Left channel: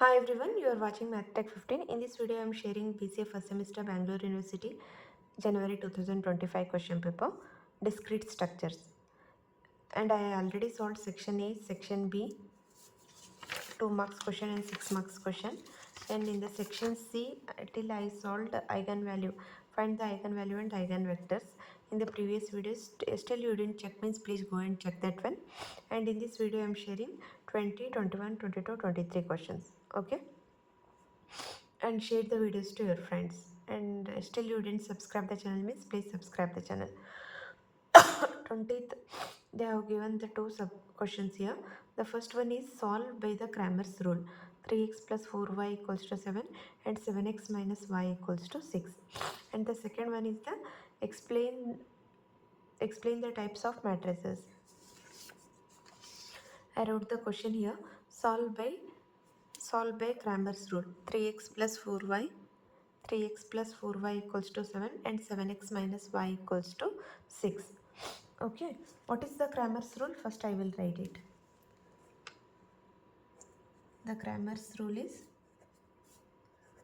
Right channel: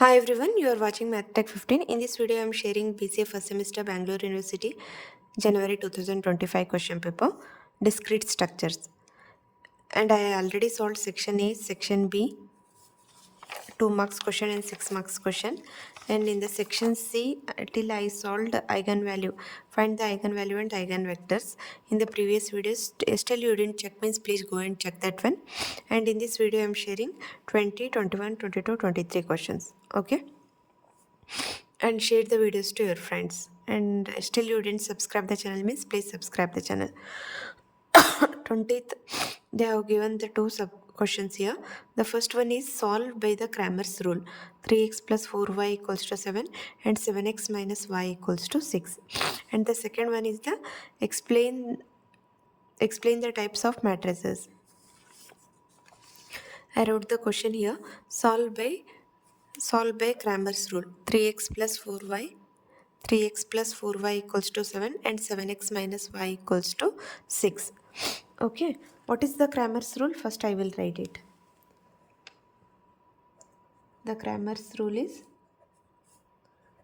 Hi everyone, you are watching Math Tech 15. In this video, I am sharing BCA first semester Bangalore University January 2025 question paper, discrete structures. And I already solved section A, section B, 2 marks question and 6 marks question. And in the section C, till I solved eigenvalue, find the eigenvalue and eigenvectors. In the previous videos, still you didn't check means please go and check that one. And in this video, I am sharing 20, 21, 22, 23 questions. Okay. And share the videos to your friends, and still you didn't subscribe the channel means please subscribe the channel. 20th, they have given the two sub questions here. The first one is solved by the Cramer's rule, 3x plus 4y equals to 7 and 7x minus y equals to 6. And the second one is the explain the types of matrices. I wrote the question here, solve by Cramer's rule, 3x plus 4y equals to 7 and 7x minus y equals to 6. Okay, what is the Cramer's rule? First I will write it. The Cramer's rule is,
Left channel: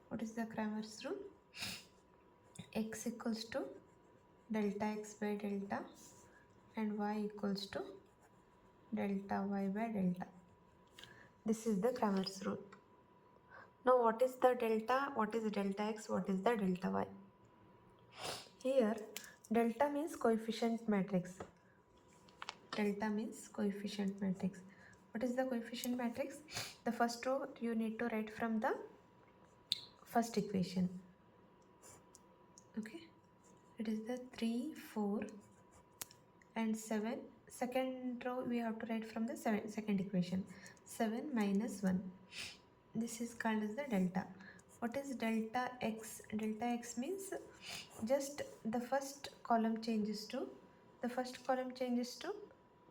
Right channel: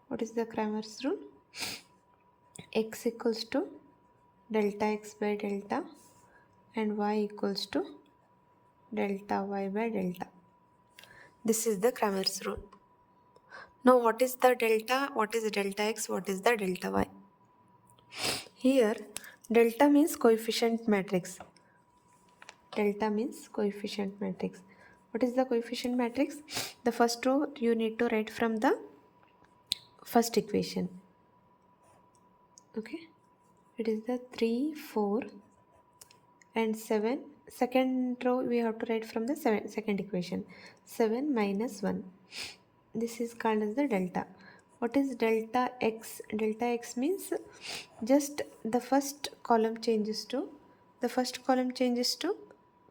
what is the Cramer's rule? X equals to delta x by delta and y equals to delta y by delta. This is the Cramer's rule. Now what is the delta? What is delta x? What is the delta y? Here delta means coefficient matrix. Delta means coefficient matrix. What is the coefficient matrix? The first row you need to write from the first equation. Okay, it is the 3, 4 and 7. Second row we have to write from the second equation, 7 minus 1. This is called as the delta. What is delta x? Delta x means just the first column changes to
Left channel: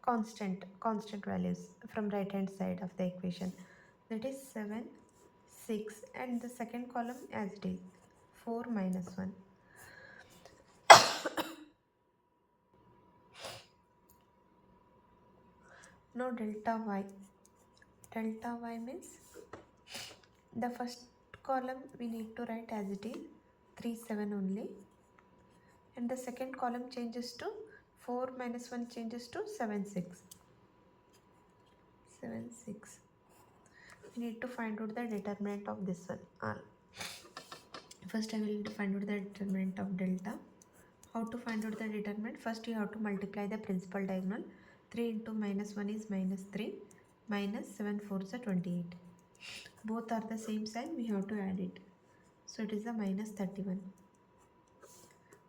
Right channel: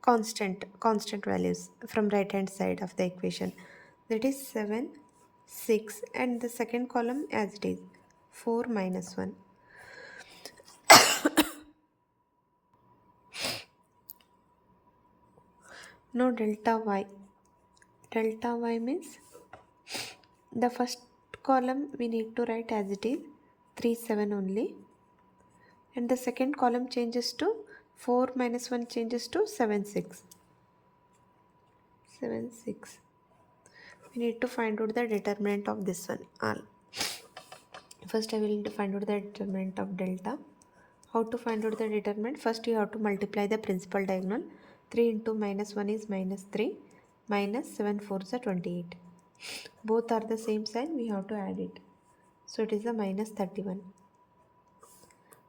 constant values from right hand side of the equation, that is 7, 6, and the second column as it is 4 minus 1. Now delta y means the first column we need to write as it is 3, 7 only, and the second column changes to 4 minus 1 changes to 7, 6. We need to find out the determinant of this one all. First I will find out the determinant of delta. How to find out the determinant? First you have to multiply the principal diagonal. 3 into minus 1 is minus 3, minus 7 4s are 28. Both are the same sign, we have to add it. So it is a minus 31.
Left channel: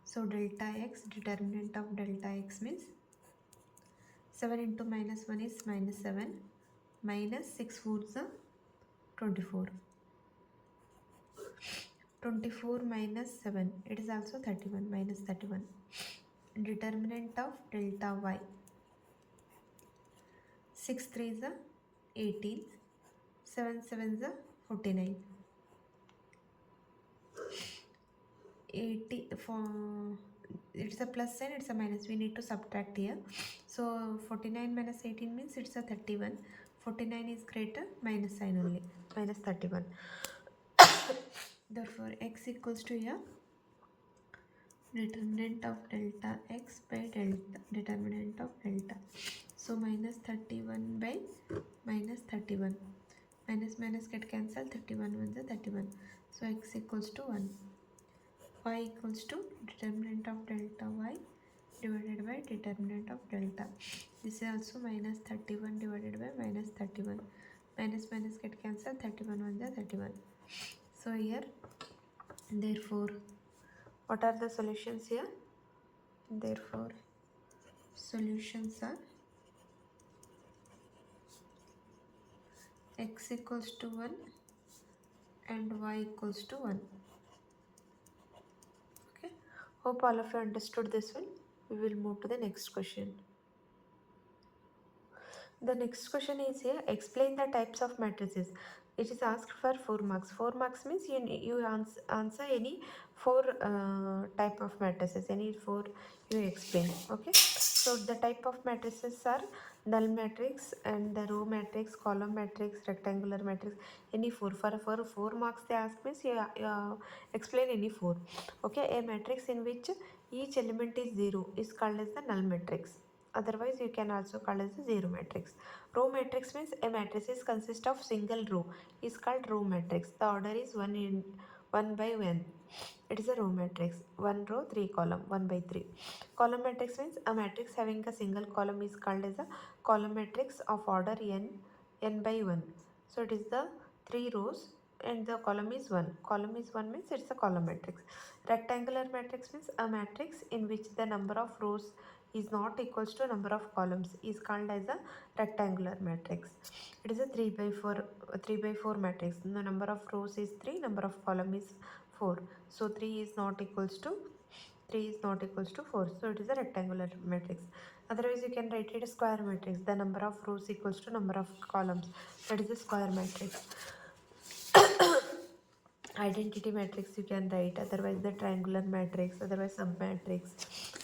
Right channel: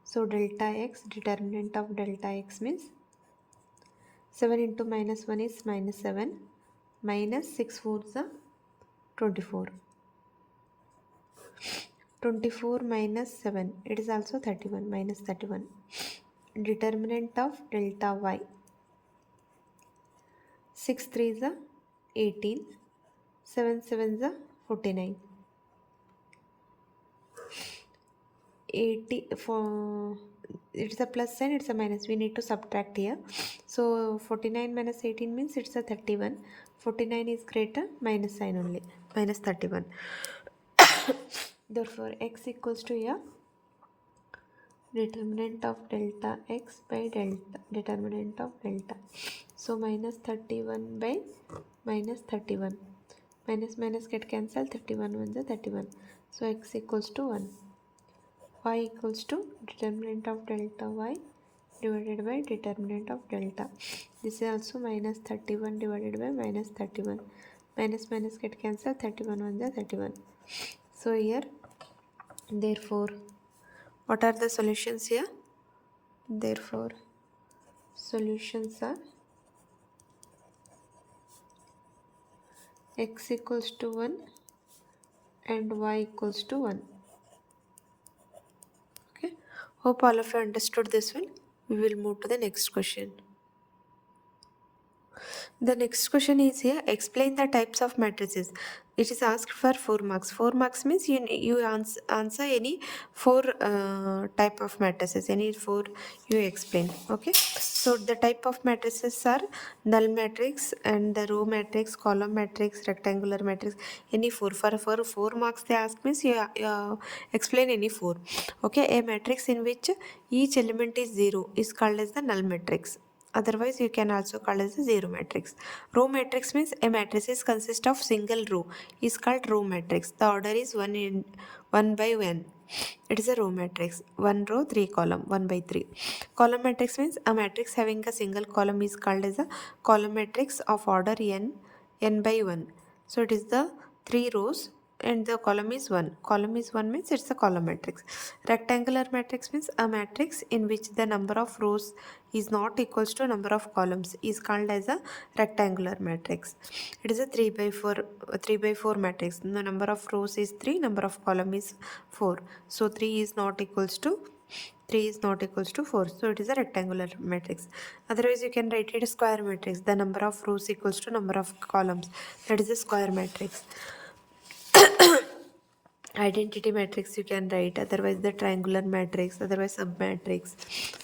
So delta x, determinant of delta x means 7 into minus 1 is minus 7, minus 6 4s are 24. 24 minus 7, it is also 31, minus 31. Determinant of delta y, 6 3s are 18, 7 7s are 49. 80 for it's a plus sign, it's a minus, we need to subtract here. So 49 minus 18 means it's a 31. 49 is greater, minus sign only, minus 31. Therefore x equals to here, determinant of delta x by delta, determinant of delta. So minus 31 by minus 31. Minus minus get cancelled, 31 1 is 31. So x equals to 1. Y equals to determinant of delta y divided by determinant of delta. This is also minus 31 divided by minus 31. Minus minus get cancelled, 31 1 is 31. So here, therefore, what are the solutions here? Therefore, solutions are x equals to 1 and y equals to 1. Okay, hope all of you understood this one. We will move to the next question. The next question is here, explain the types of matrices. It is asked for 4 marks. 4 marks means you answer any 4 type of matrices, any 4 you explain. Okay, so the type of matrices are null matrix and the row matrix, column matrix, rectangular matrix, any 4. For 4 marks they ask means you explain any 4. Okay, a matrix in which each element is 0 is called as the null matrix. Otherwise, you can also call as a zero matrix. Row matrix means a matrices consist of single row is called row matrix. The order is 1 by 1. It is a row matrix. 1 row, 3 column, 1 by 3. Column matrix means a matrix having a single column is called as a column matrix of order n by 1. So it is the 3 rows and the column is 1. Column is 1 means it's a column matrix. Rectangular matrix means a matrix in which the number of rows is not equals to number of columns is called as a rectangular matrix. It is a 3 by 4 matrix. The number of rows is 3, number of column is 4. So 3 is not equals to 4, so it is a rectangular matrix. Otherwise you can write it a square matrix. The number of rows equals to number of columns, that is a square matrix. Identity matrix you can write, otherwise the triangular matrix, otherwise submatrix.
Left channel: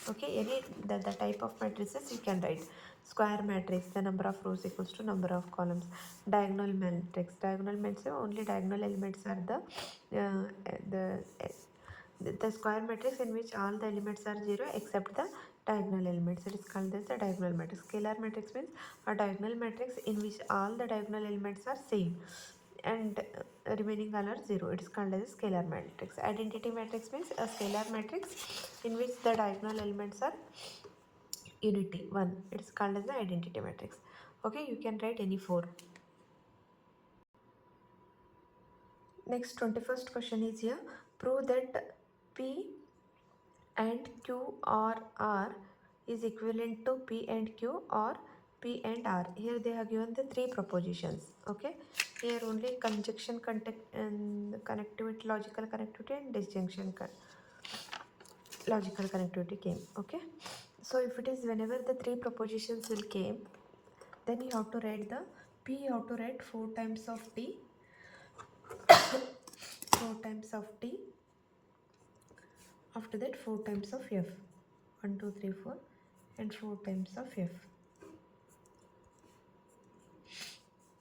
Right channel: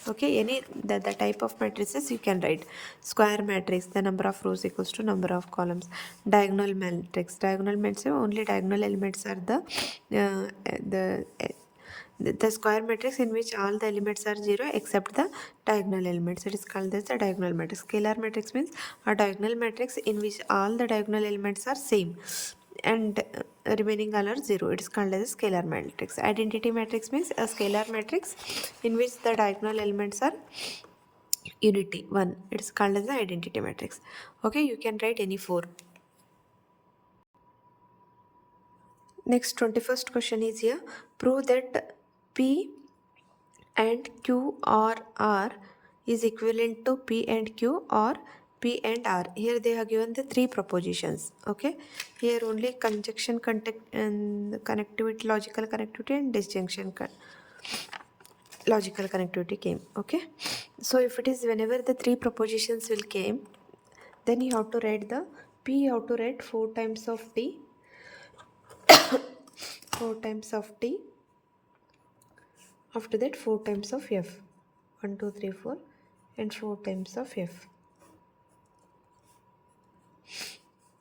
Okay, any the type of matrices you can write. Square matrix, the number of rows equals to number of columns. Diagonal matrix, diagonal matrix only diagonal elements are the square matrix in which all the elements are 0 except the diagonal elements. It is called as the diagonal matrix. Scalar matrix means a diagonal matrix in which all the diagonal elements are same and remaining all are 0. It is called as a scalar matrix. Identity matrix means a scalar matrix in which the diagonal elements are unity 1. It is called as the identity matrix. Okay, you can write any 4. Next, 21st question is here. Prove that P and Q or R is equivalent to P and Q or P and R. Here they have given the 3 propositions. Okay, here only conjunction, contact and connectivity, logical connectivity and disjunction logical connectivity came. Okay, so if it is whenever the 3 propositions will came, then you have to write the P, you have to write 4 times of T 4 times of T, after that 4 times of F, 1 2 3 4 and 4 times of F,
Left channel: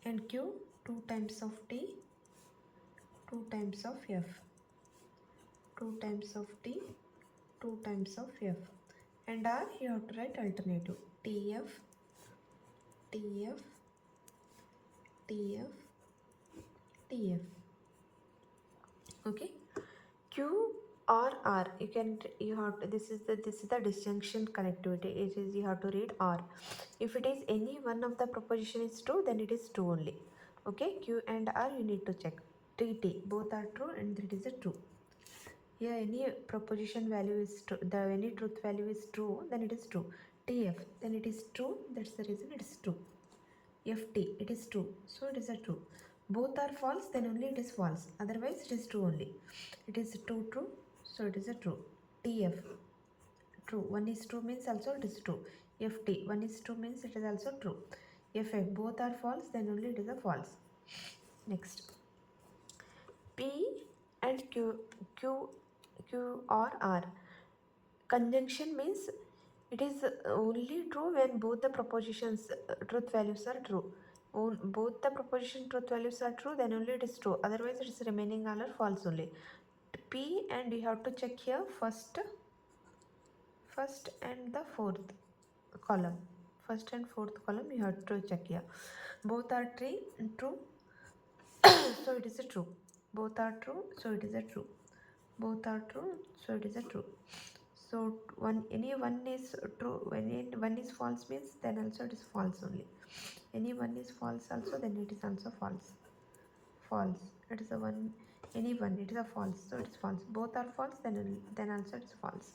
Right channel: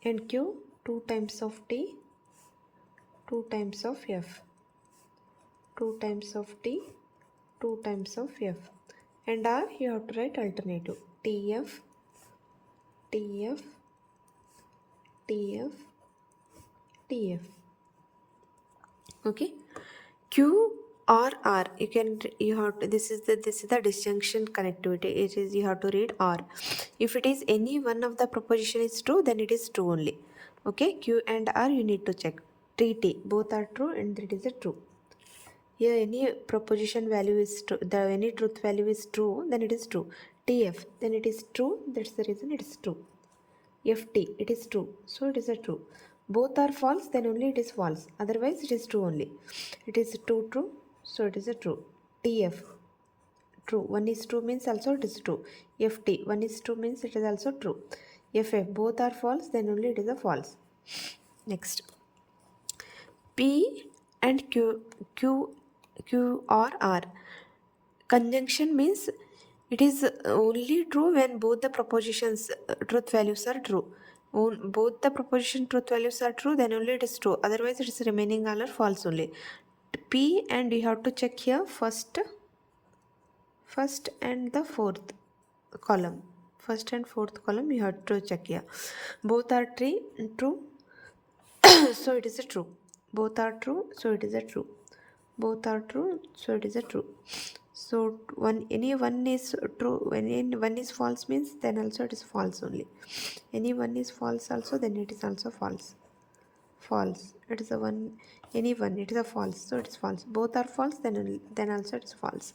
and Q 2 times of T, 2 times of F, 2 times of T, 2 times of F, and R you have to write alternative TF, TF, TF, TF. Okay, Q or R you have to, this is the disjunction connectivity. It is you have to read R. If it is any one of the proposition is true, then it is true only. Okay, Q and R you need to check. T both are true and that is a true. Here any proposition value is true, the any truth value is true, then it is true. TF, then it is true, that's the reason it is true. FT, it is true, so it is a true. Both are false, then only it is false, otherwise it is true only. It is true, so it is a true. TF, true, 1 is true means also it is true. FT, 1 is true means it is also true. FF, both are false, then only it is a false. Next, P and Q or R. Conjunction means it is only true when both the propositions truth values are true. Both the proposition truth values are true, then only it is true. Otherwise, it is remaining all are false only. P and you have to check here first and the fourth column. First and fourth column you have to check here. Both are true, so it is a true. Both are true, so it is a true. Both are true, so it is a true. So any one is true, when any one is false means then also it is false only. Any one is false also, then it is also false. False, it is a one. Any one, it is a false, so it is false. Both are false, then also it is false.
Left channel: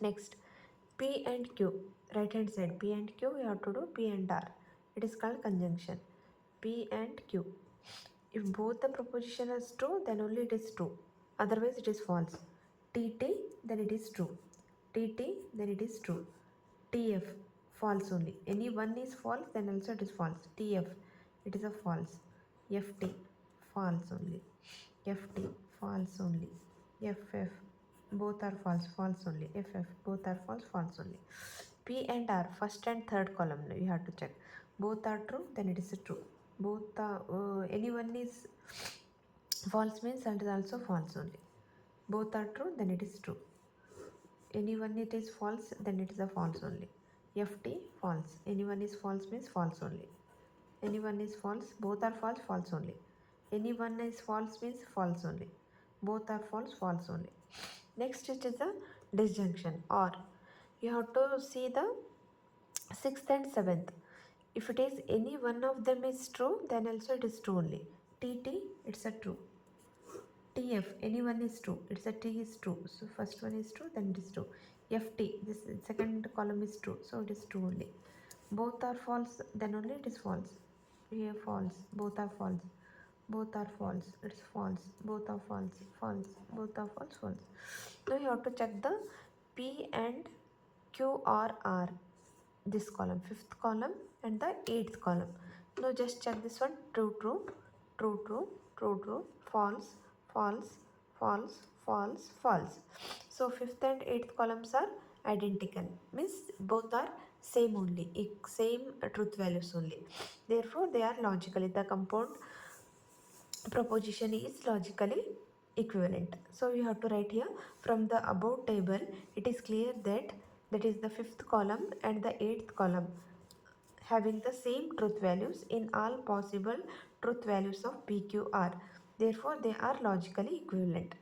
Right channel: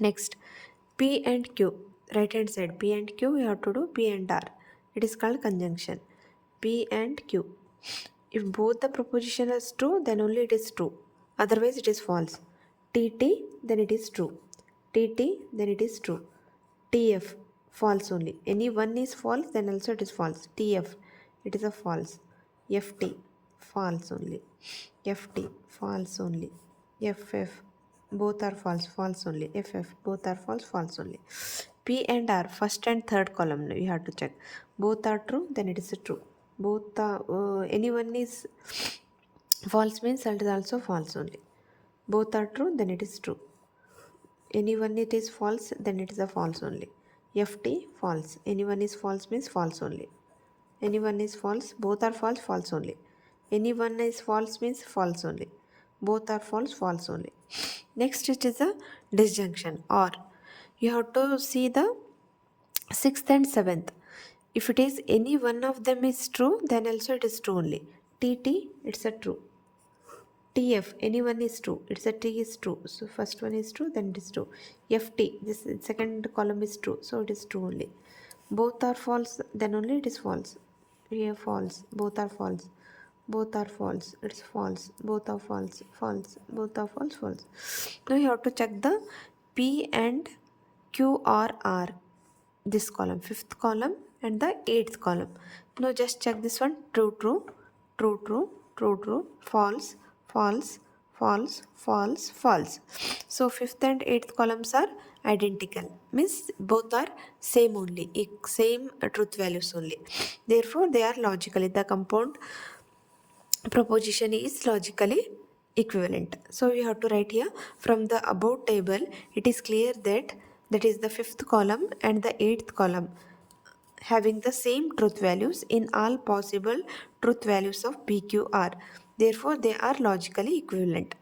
Next, P and Q, right hand side, P and Q you have to do P and R. It is called conjunction. P and Q. If both the proposition is true, then only it is true. Otherwise it is false. TT, then it is true. TT, then it is true. TF, false only. Any one is false, then also it is false. TF, it is a false. FT, false only. FT, false only. FF, both are false, false only. FF, both are false, false only. P and R, first and third column, you have to check. Both are true, then it is a true. Both are, anyone is false means it is also false only. Both are true, then it is true. Anyone it is false, then it is a false only. FT, false. Anyone is false means false only. Anyone is false, both are false, false only. Anyone is false means false only. Both are false, false only. Next it is a disjunction, or you have to see the sixth and seventh. If it is any one of them is true, then also it is true only. TT, it's a true. TF, anyone is true. It's a T is true. So first one is true, then it is true. FT, this second column is true. So it is true only. Both are false, then only it is false. Here false. Both are false. Both are false. It's false. Both are false. False. Both are false. False. Now you have to check the P and Q or R. This column, fifth column and the eighth column. Now just check this one. True, true, true, true, true, true, false, false, false, false, false. So fifth and eighth columns are identical, means both are same only, same truth values only. Therefore they are logically, the compound proposition is logically equivalent. So we have to write here, from the above table it is clear that is the fifth column and the eighth column having the same truth values in all possible truth values of PQR. Therefore they are logically equivalent.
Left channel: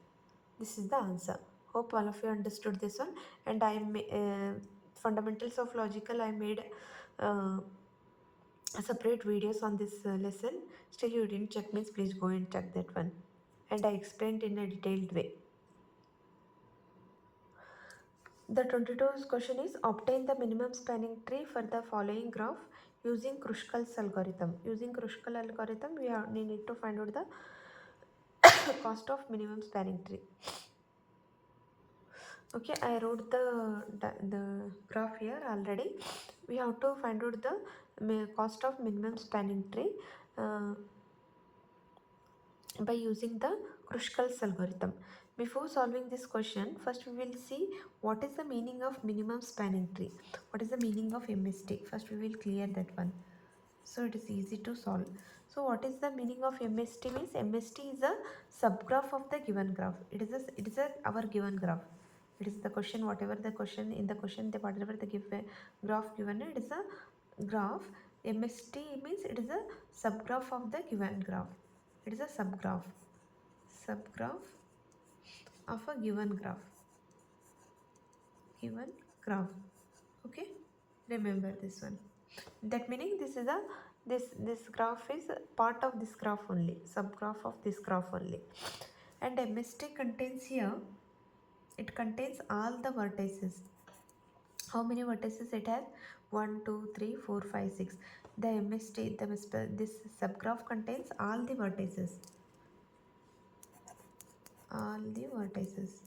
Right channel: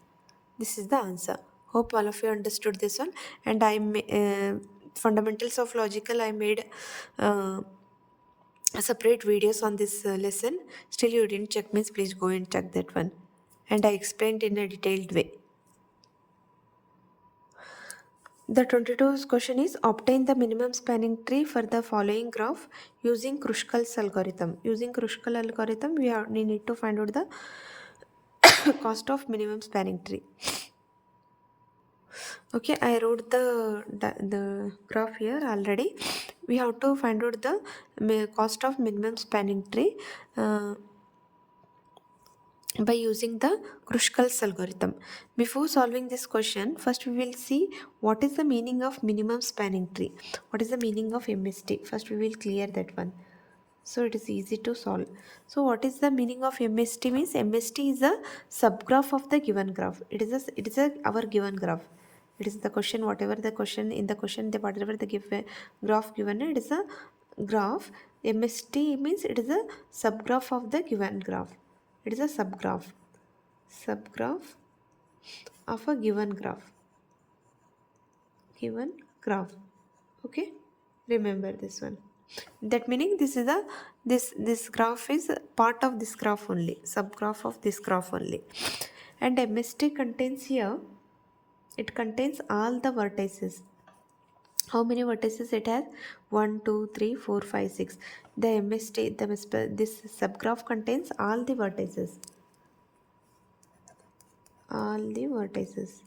This is the answer. Hope all of you understood this one. And fundamentals of logical, I made separate videos on this lesson. Still you didn't check, means please go and check that one. And I explained in a detailed way. The 22nd question is, obtain the minimum spanning tree for the following graph using Kruskal's algorithm. Using Kruskal algorithm, we need to find out the cost of minimum spanning tree. Okay, I wrote the graph here already. We have to find out the cost of minimum spanning tree by using the Kruskal's algorithm. Before solving this question, first we will see what is the meaning of minimum spanning tree. What is the meaning of MST? First we will clear that one. So it is easy to solve. So what is the meaning of MST? Means MST is a subgraph of the given graph. It is our given graph. It is the question, whatever the question in the question, whatever the graph given, it is a graph. MST means it is a subgraph of the given graph. It is a subgraph of a given graph. Okay, remember this one. That meaning this graph is part of this graph only, subgraph of this graph only. And MST contains here, it contains all the vertices. How many vertices it has? 1, 2, 3, 4, 5, 6. The MST, this subgraph contains all the vertices. All the vertices,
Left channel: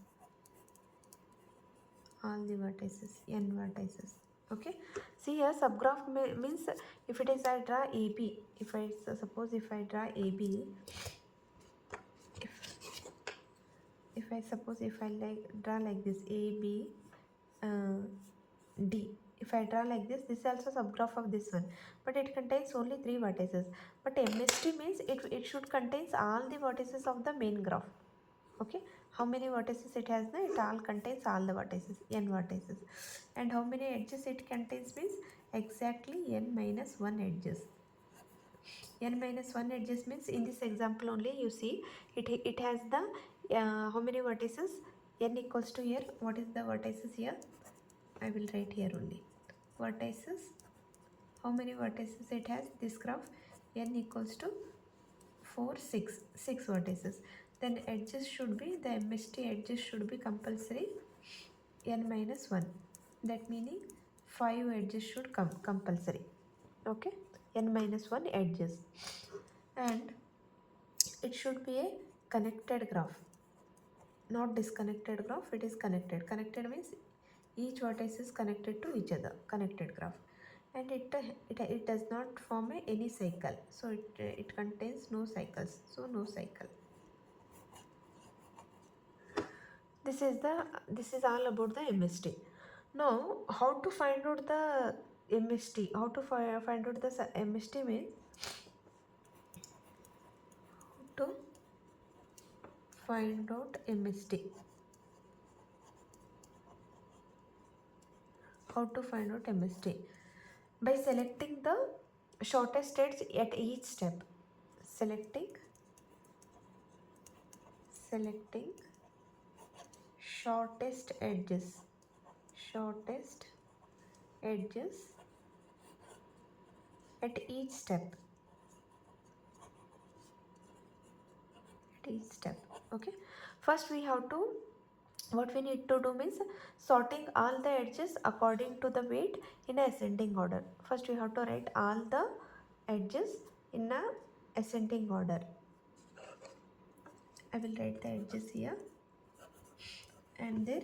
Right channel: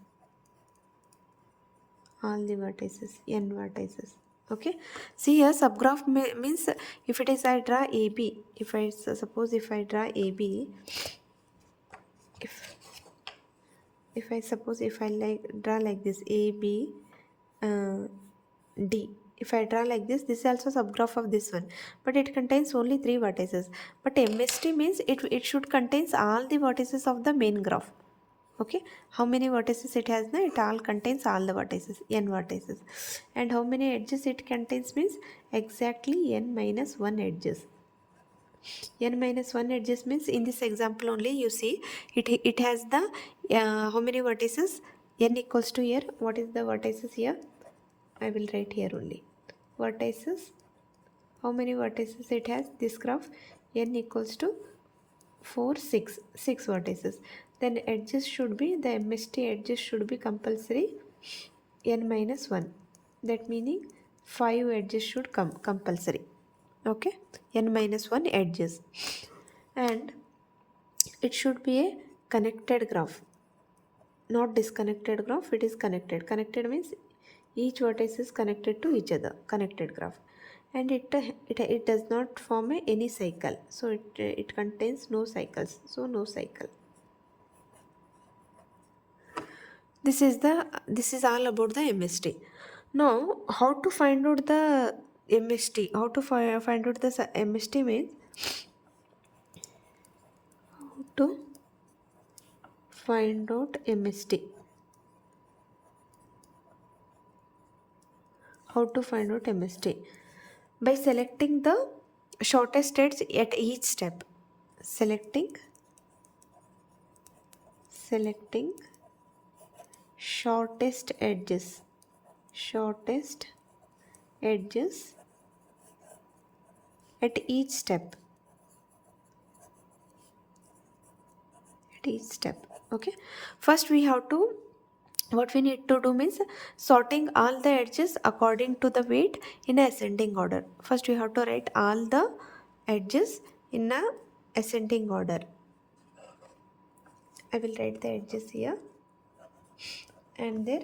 n vertices. Okay, see here subgraph means if it is, I draw AB, if I suppose if I draw AB, if I suppose if I draw like this AB D, if I draw like this is also subgraph of this one, but it contains only 3 vertices. But MST means it should contains all the vertices of the main graph. Okay, how many vertices it has? It all contains all the vertices, n vertices. And how many edges it contains means exactly n minus 1 edges. N minus 1 edges means in this example only you see it has the how many vertices? N equals to here. What is the vertices here? I will write here only. Vertices. How many vertices it has? This graph n equals to 4, 6 vertices. Then edges should be, the MST edges should be compulsory n minus 1. That meaning 5 edges should come compulsory. Okay, n minus 1 edges. And it should be a connected graph, not disconnected graph. It is connected. Connected means each vertex is connected to each other. Connected graph. and it does not form any cycle, so it contains no cycles, so no cycle. This is all about the MST. Now, how to find out the MST? How to find out the MST means to find out MST. How to find out MST? By selecting the shortest edge at each step. Selecting shortest edges at each step. Okay, first we have to, what we need to do means sorting all the edges according to the weight in a ascending order. First we have to write all the edges in a ascending order. I will write the edges here and their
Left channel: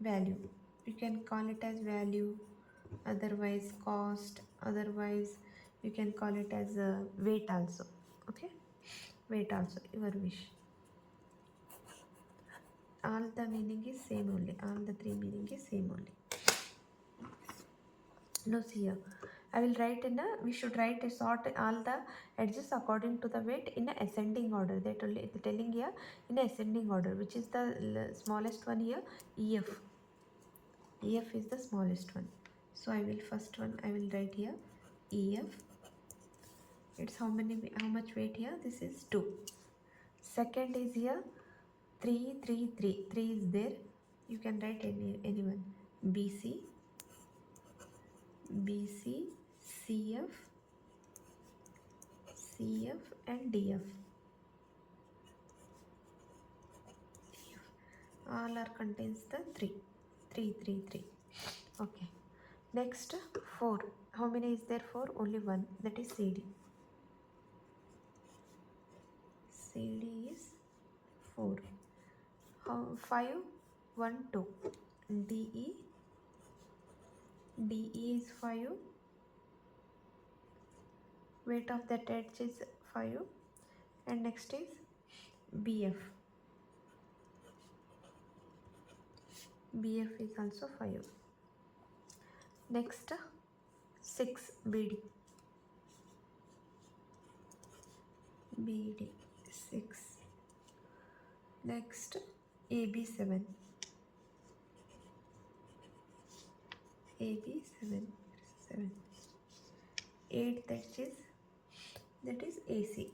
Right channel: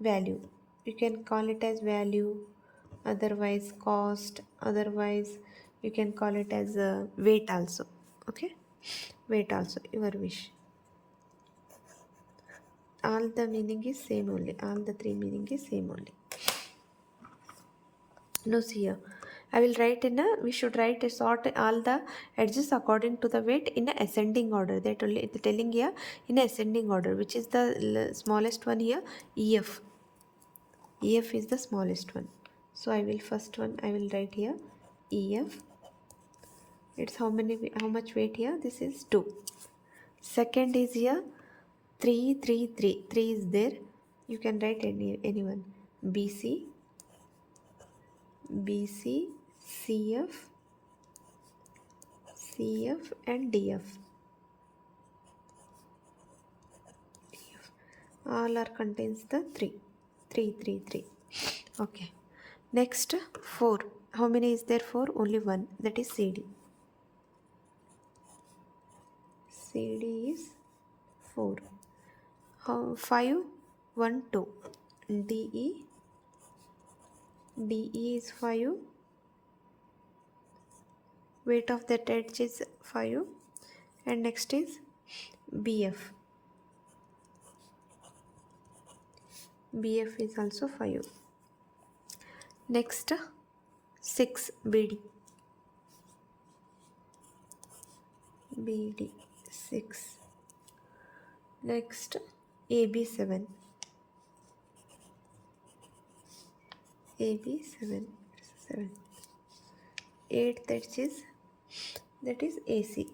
value. You can call it as value, otherwise cost, otherwise you can call it as weight also. Okay, weight also, your wish. All the meaning is same only, all the three meaning is same only. Now see here, I will write we should write a sort all the edges according to the weight in a ascending order. That only it's telling here in a ascending order, which is the smallest one here, EF. EF is the smallest one. So I will first one I will write here EF. It's how much weight here? This is 2. Second is here 3, 3, 3. 3 is there. You can write anyone. BC, CF, and DF. All are contains the 3. 3, 3, 3. Okay. Next 4. How many is there? 4? Only one. That is CD. CD is 4. 5, 1, 2. DE is 5. Weight of that edge is 5. And next is BF. BF is also 5. Next 6 BD. 6. Next AB 7. 7. 8 that is AC.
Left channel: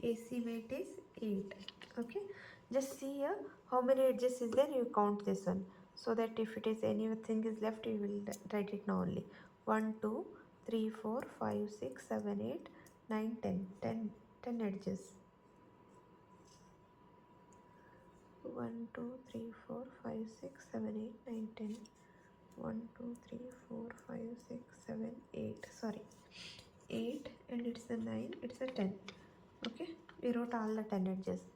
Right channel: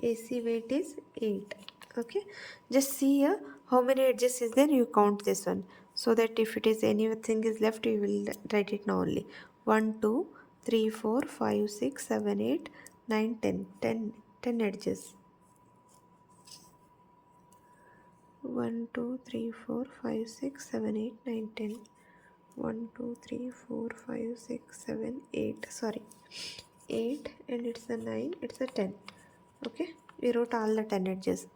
AC weight is 8. Okay, just see here how many edges is there, you count this one, so that if it is anything is left you will write it now only. 1, 2, 3, 4, 5, 6, 7, 8, 9, 10 edges. 1, 2, 3, 4, 5, 6, 7, 8, 9, 10. 1, 2, 3, 4, 5, 6, 7, 8. Sorry, 8 and it's a 9, it's a 10. Okay, we wrote all the 10 edges.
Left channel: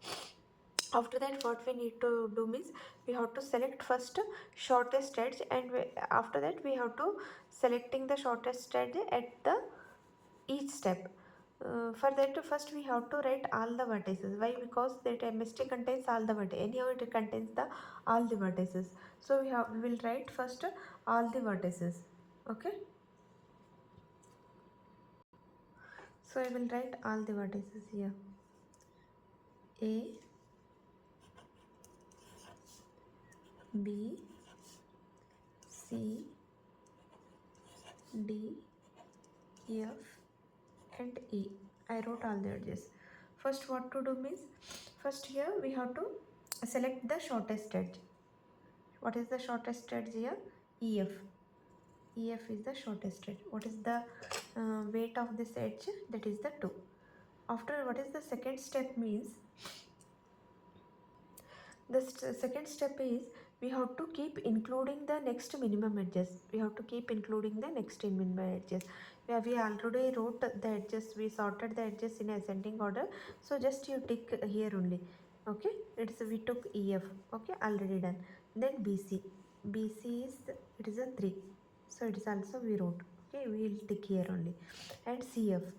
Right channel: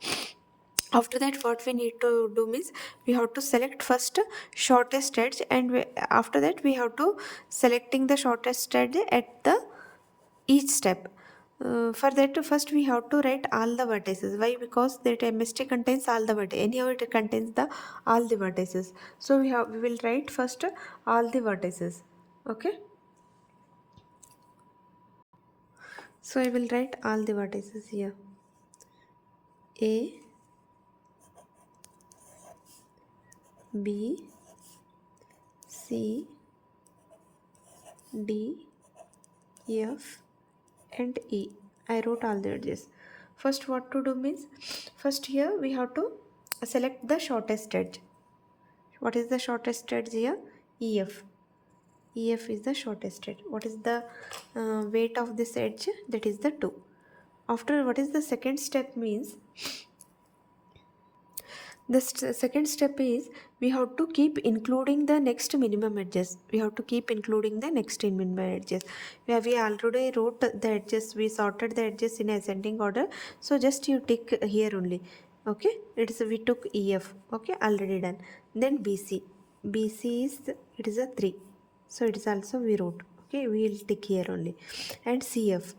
After that, what we need to do means we have to select first shortest edge, and after that we have to selecting the shortest edge at the each step. For that, first we have to write all the vertices. Why? Because that MST contains all the vertices. Anyhow, it contains all the vertices. So we will write first all the vertices. Okay. So I will write all the vertices here. A, B, C, D, F, and E. I wrote all the edges. First, what to do means, first here we have to select the shortest edge. What is the shortest edge here? EF. EF is the shortest edge. What is the weight of this edge? That is the 2. After, what is the second step means? The second step is we have to keep including the next minimum edges. We have to keep including the next minimum edges. We already wrote the edges. We sorted the edges in ascending order. So just you tick here only. Okay, we took EF. Okay, already done. Then BC. BC is it is a 3. So it is also we wrote. Okay, we will tick here only. And CF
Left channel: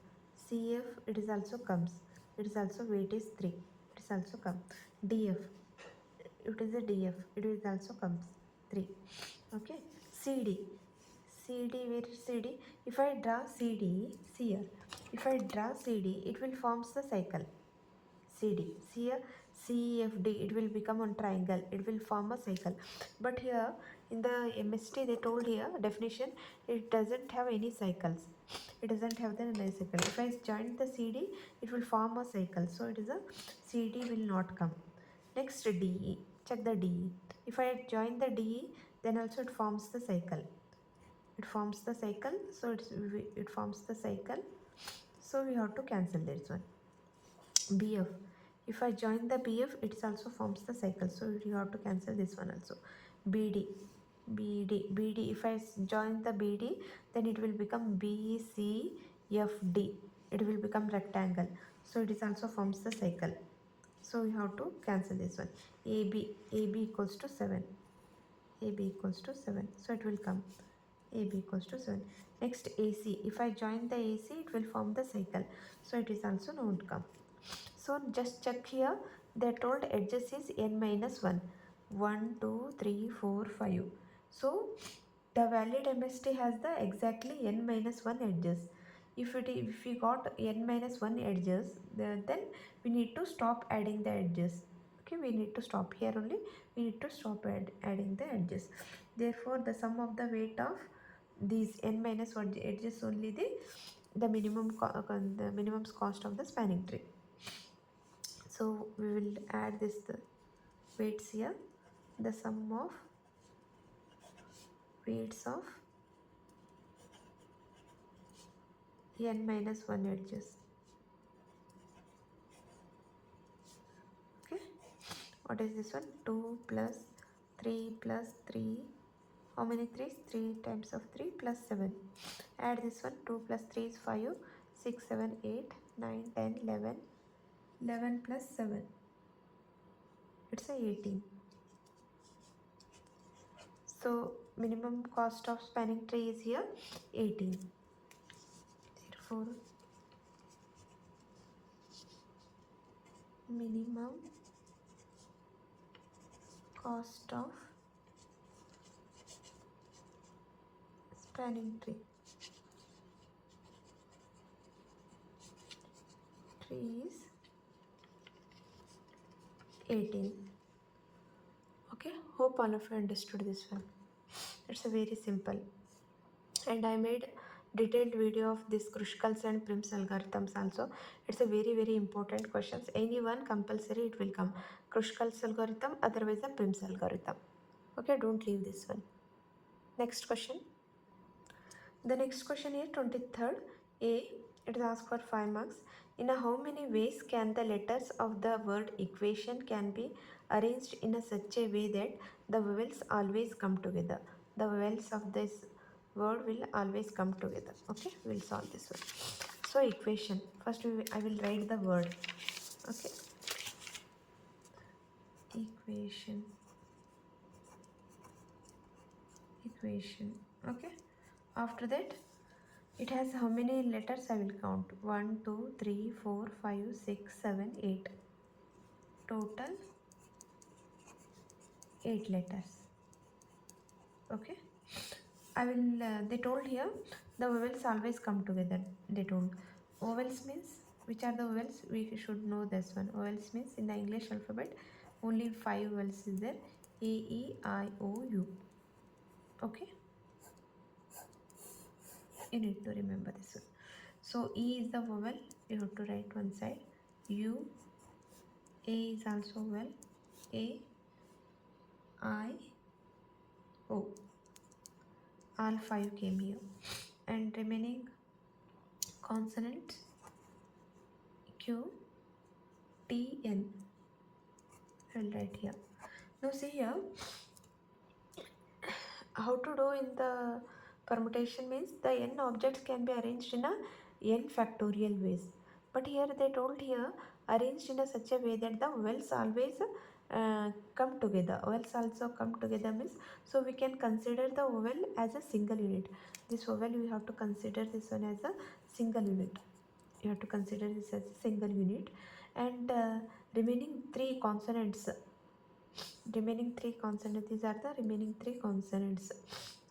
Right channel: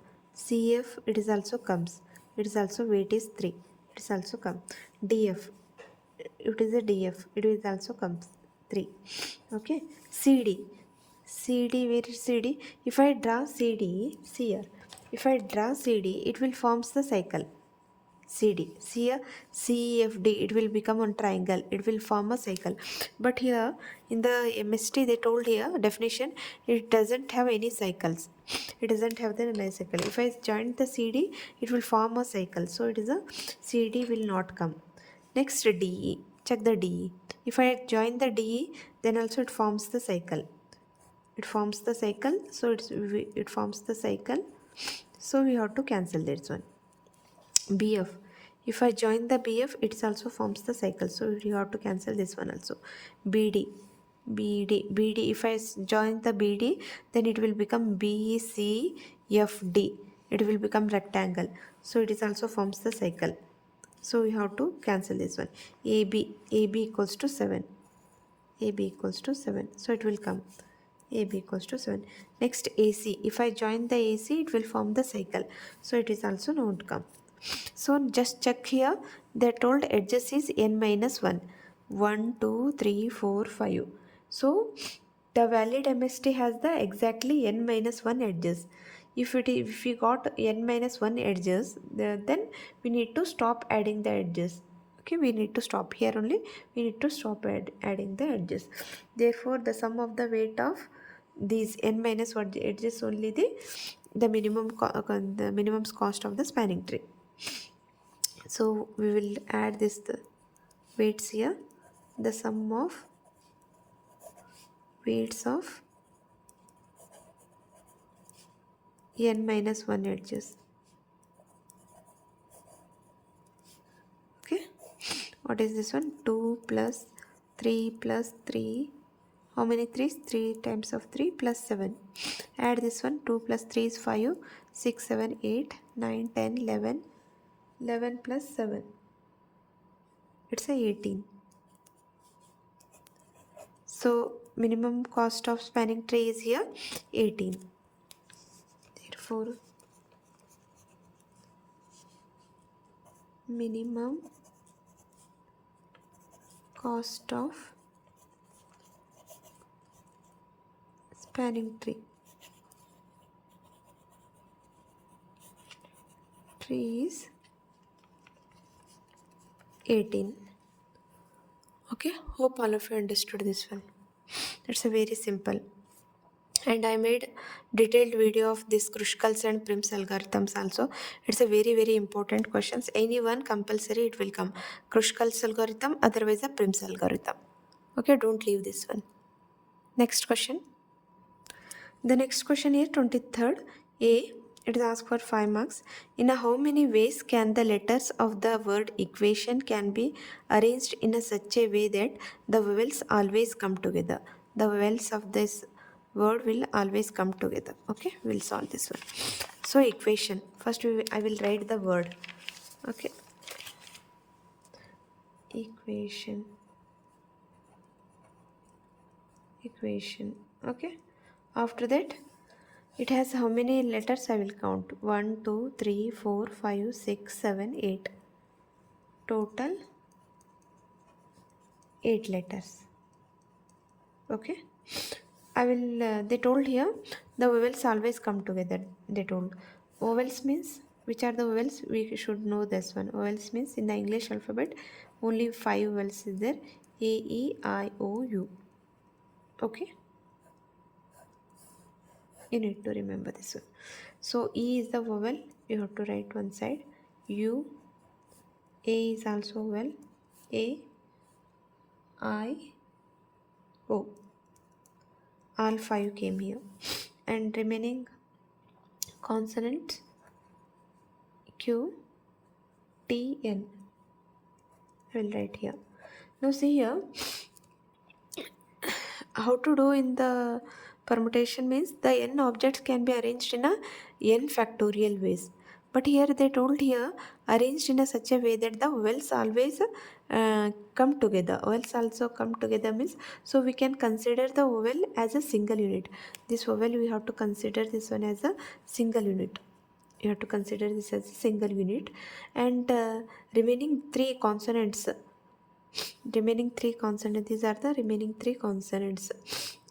it is also comes, it is also weight is 3, it is also come. DF, it is a DF, it is also comes 3. Okay, CD, where is CD? If I draw CD, see here, if I draw CD, it will forms the cycle. CD. See here, CFD, it will become one triangle. It will form a cycle. But here in the MST, they told here definition, it doesn't have any cycles. It doesn't have the any cycle. If I join the CD, it will form a cycle. So it is a CD will not come. Next DE. Check the DE. If I join the DE, then also it forms the cycle. It forms the cycle. So it forms the cycle. So we have to cancel this one. BF. If I join the BF, it also forms the cycle. So you have to cancel this one also. BD. BD. If I join the BD, then it will become BCFD. It will become rectangle. So it is also forms the cycle. So you have to cancel this one. AB equals to 7. AB equals to 7. So it will come. AB equals to 7. Next AC. If I join the AC, it will form the cycle. So it is also not come. So just check here. They told edges is n minus 1. 1, 2, 3, 4, 5. So the valid MST has the exactly n minus 1 edges. If we got n minus 1 edges, then we need to stop adding the edges. Okay, we need to stop here only. We need to stop adding the edges. Therefore, the sum of the weight of these n minus 1 edges only the minimum cost of the spanning tree. So we will add the weights here. The sum of weights of n minus 1 edges. Okay, what is this one? 2 plus 3 plus 3. How many 3's? 3 times of 3 plus 7. Add this one. 2 plus 3 is 5, 6, 7, 8, 9, 10, 11. 11 plus 7. It's a 18. So minimum cost of spanning tree is here 18. Therefore, minimum cost of spanning tree is 18. Okay, hope all of you understood this one. It's a very simple. And I made detailed video of this Kruskals and Prim's algorithms also. It's a very important questions. Anyone compulsory it will come. Kruskals algorithm, otherwise a Prim's algorithm. Okay, don't leave this one. Next question. The next question here, 23rd A. It is asked for 5 marks. In how many ways can the letters of the word equation can be arranged in such a way that the vowels always come together? The vowels of this word will always come together. Okay, we'll solve this one. So equation. First I will write the word. Okay. Equation. Okay. After that, it has how many letters I will count? 1, 2, 3, 4, 5, 6, 7, 8. Total 8 letters. Okay. I will, they told here, the vowels always come together. They told. Vowels means, which are the vowels? We should know this one. Vowels means in the English alphabet, only 5 vowels is there. A, E, I, O, U. Okay. You need to remember this one. So E is the vowel, you have to write one side. U, A is also vowel. A, I, O. All 5 came here. And remaining consonants Q, T, N. I will write here. Now see here, how to do in the permutation means the n objects can be arranged in a n factorial ways. But here they told here arranged in a such a way that the vowels always come together. Vowels also come together means, so we can consider the vowel as a single unit. This vowel we have to consider this one as a single unit. You have to consider this as a single unit, and remaining three consonants. Remaining three consonants. These are the remaining three consonants.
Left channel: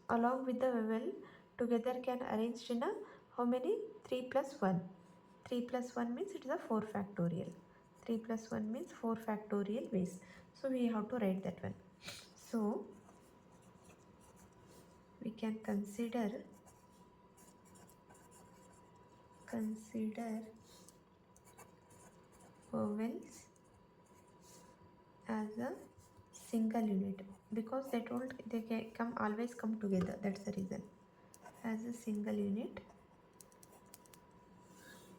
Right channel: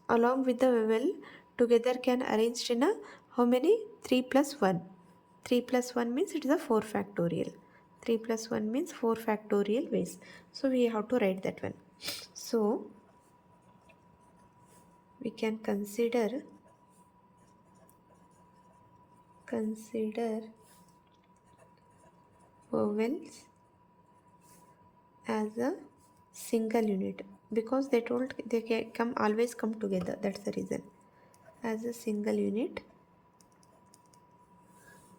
Along with the vowel, together can arranged in a how many? 3 plus 1. 3 plus 1 means it is a 4 factorial. 3 plus 1 means 4 factorial ways. So we have to write that one. So we can consider vowels as a single unit, because they told they can come always come together. That's the reason. As a single unit,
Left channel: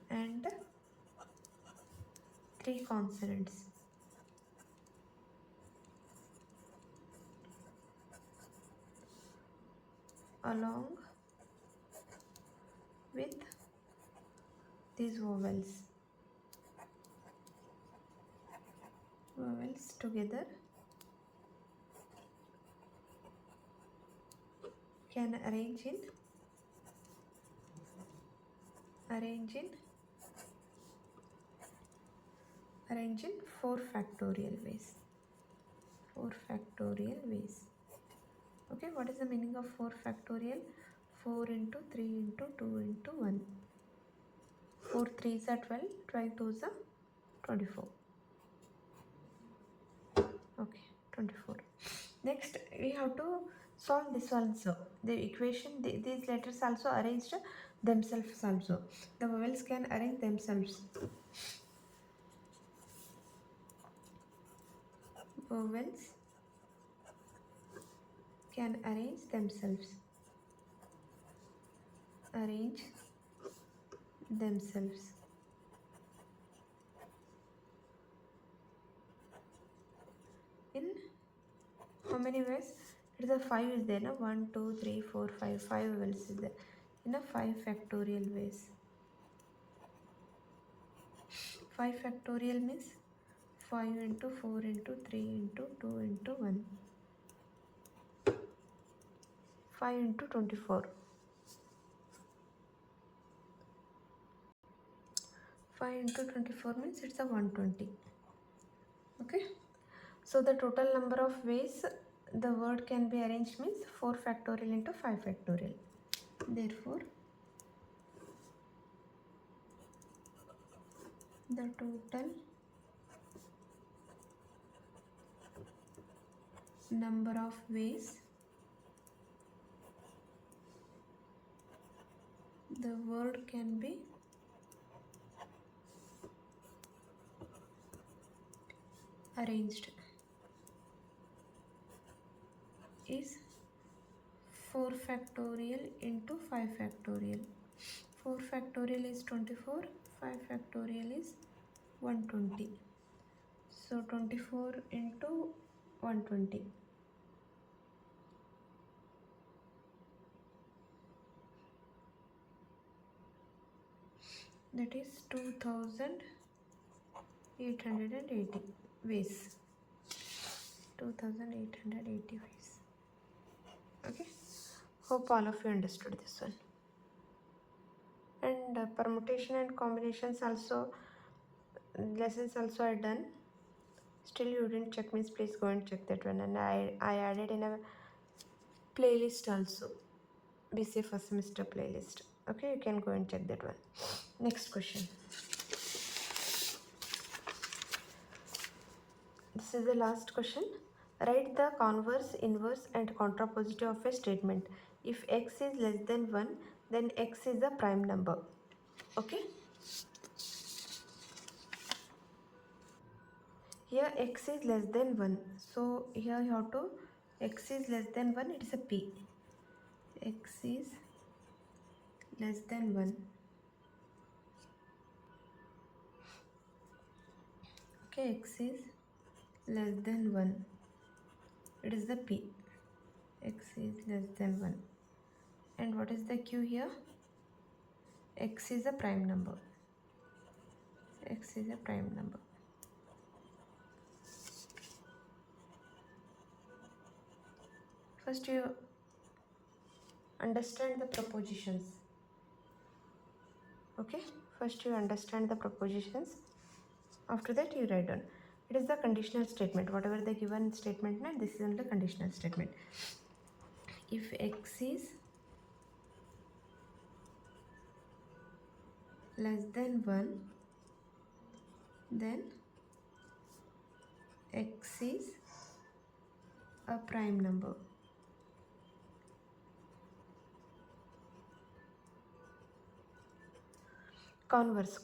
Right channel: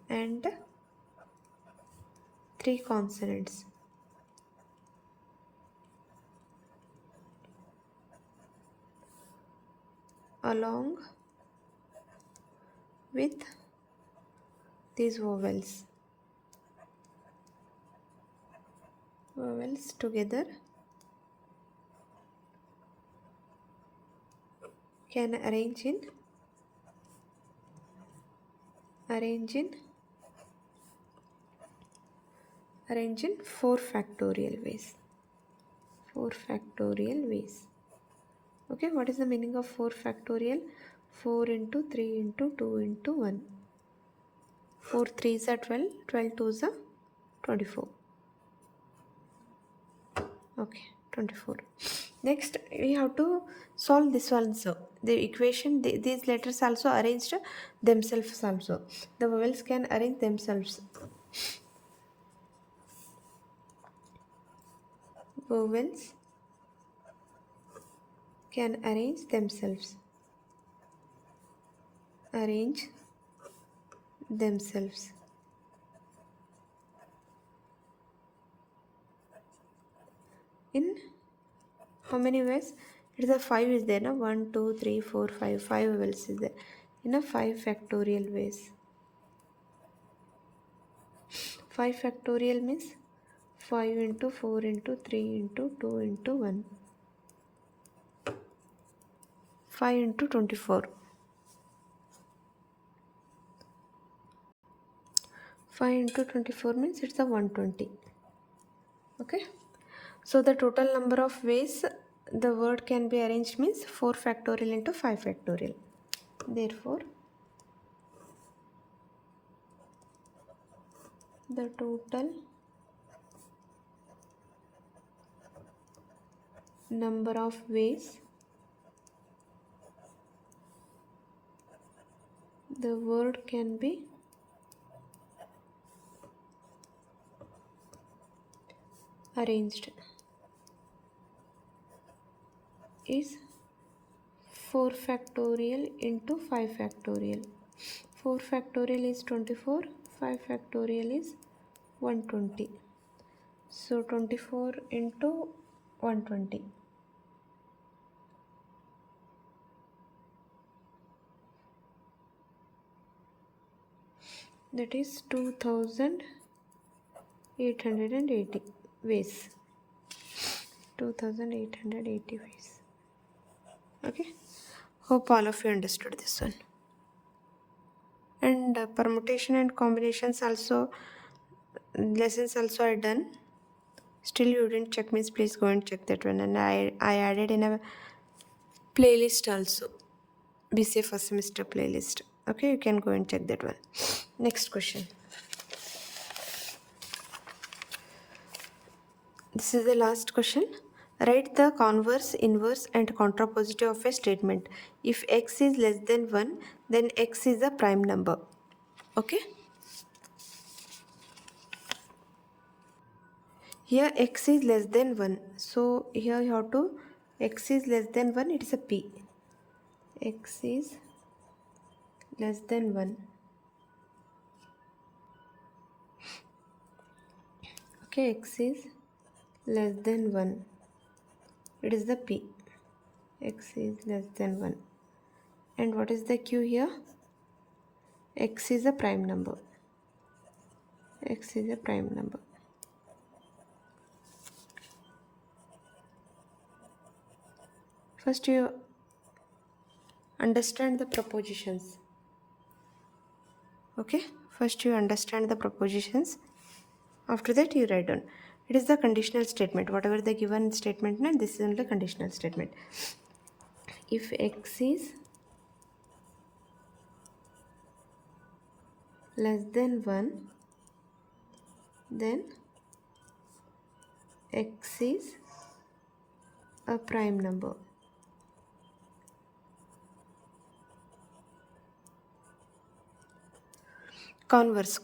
and three consonants along with these vowels. Vowels together can arrange in 4 factorial ways. 4 factorial ways. Okay, what is the meaning of 4 factorial? 4 into 3 into 2 into 1. 4 3s are 12, 12 2s are 24. Okay, 24. Next, we have to solve this one. So the equation, these letters also arranged themselves also. The vowels can arrange themselves. Vowels can arrange themselves. Arrange themselves. In how many ways? It is a 5 is there, no? 1, 2, 3, 4, 5. 5 vowels is there. In a 5 factorial ways. 5 factorial means 5 into 4 into 3 into 2 into 1. 5 into 24. 5 into 24 means it's a 120. Okay. So the total number of ways the word can be arranged means 4 factorial into 5 factorial. Therefore, the total number of ways the word can be arranged is 4 factorial into 5 factorial. 4 factorial is 24, 5 factorial is 120. So 24 into 120. That is 2880 ways. 2880 ways. Okay. Hope all of you understood this one. And permutation and combinations also, lessons also are done. Still you didn't check means please go and check that one. And I added in a playlist also. BCA first semester playlist. Okay, you can go and check that one. Next question. This is the last question. Write the converse, inverse and contrapositive of a statement. If x is less than 1, then x is a prime number. Okay. Here x is less than 1. So here you have to, x is less than 1, it is a p. X is less than 1. Okay, x is less than 1. It is the p. X is less than 1. And what is the q here? X is a prime number. X is a prime number. First you understand the propositions. Okay, first you understand the propositions. After that you write down. It is the conditional statement. Whatever the given statement, this is only conditional statement. If x is less than 1, then x is a prime number. Converse,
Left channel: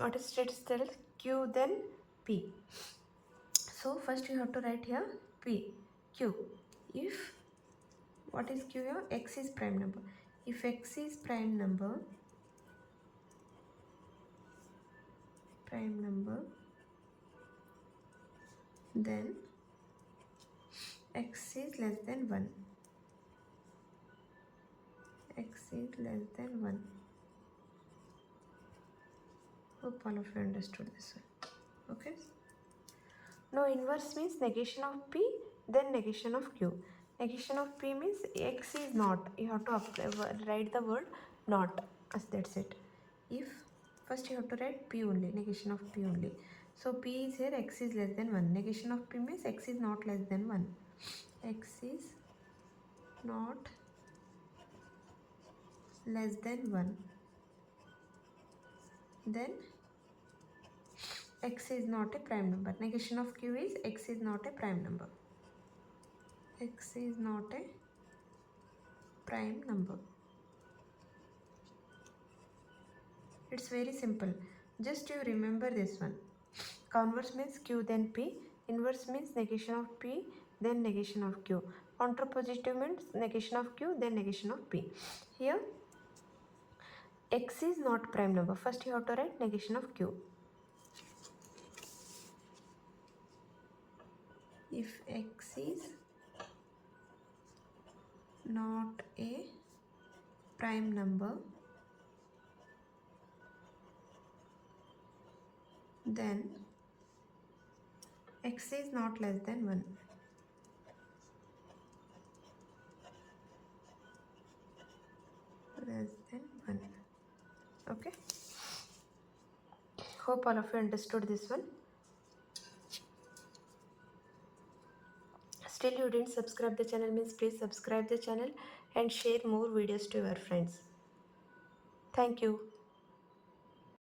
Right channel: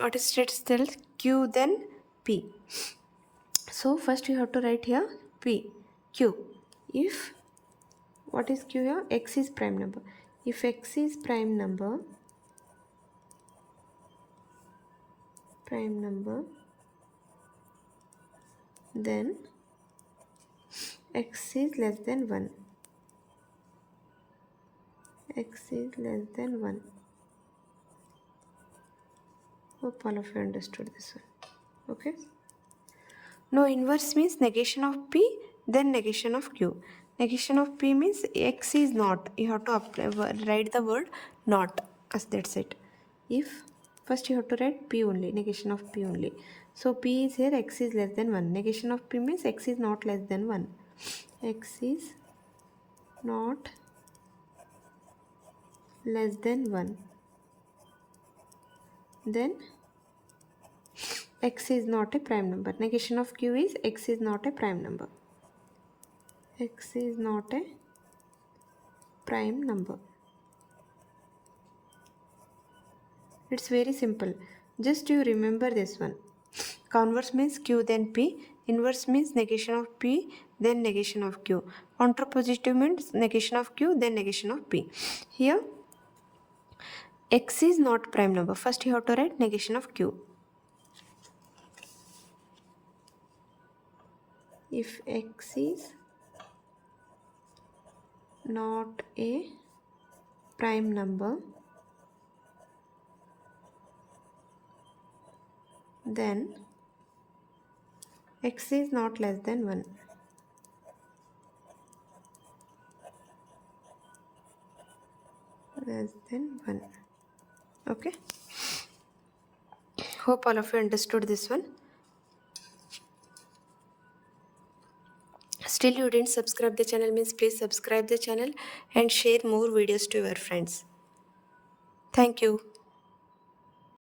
what is states tells q then p. So first you have to write here p, q. If, what is q here? X is prime number. If x is prime number, then x is less than 1. X is less than 1. Hope all of you understood this one. Okay. Now inverse means negation of p, then negation of q. Negation of p means x is not. You have to write the word not, as that's it. If first you have to write p only, negation of p only. So p is here, x is less than 1. Negation of p means x is not less than 1. X is not less than 1. Then x is not a prime number. Negation of q is x is not a prime number. X is not a prime number. It's very simple. Just you remember this one. Converse means q then p. Inverse means negation of p then negation of q. Contrapositive means negation of q then negation of p. Here x is not prime number. First you have to write negation of q. If x is not a prime number, then x is not less than 1. Less than 1. Okay. Hope all of you understood this one. Still you didn't subscribe the channel means please subscribe the channel and share more videos to your friends. Thank you.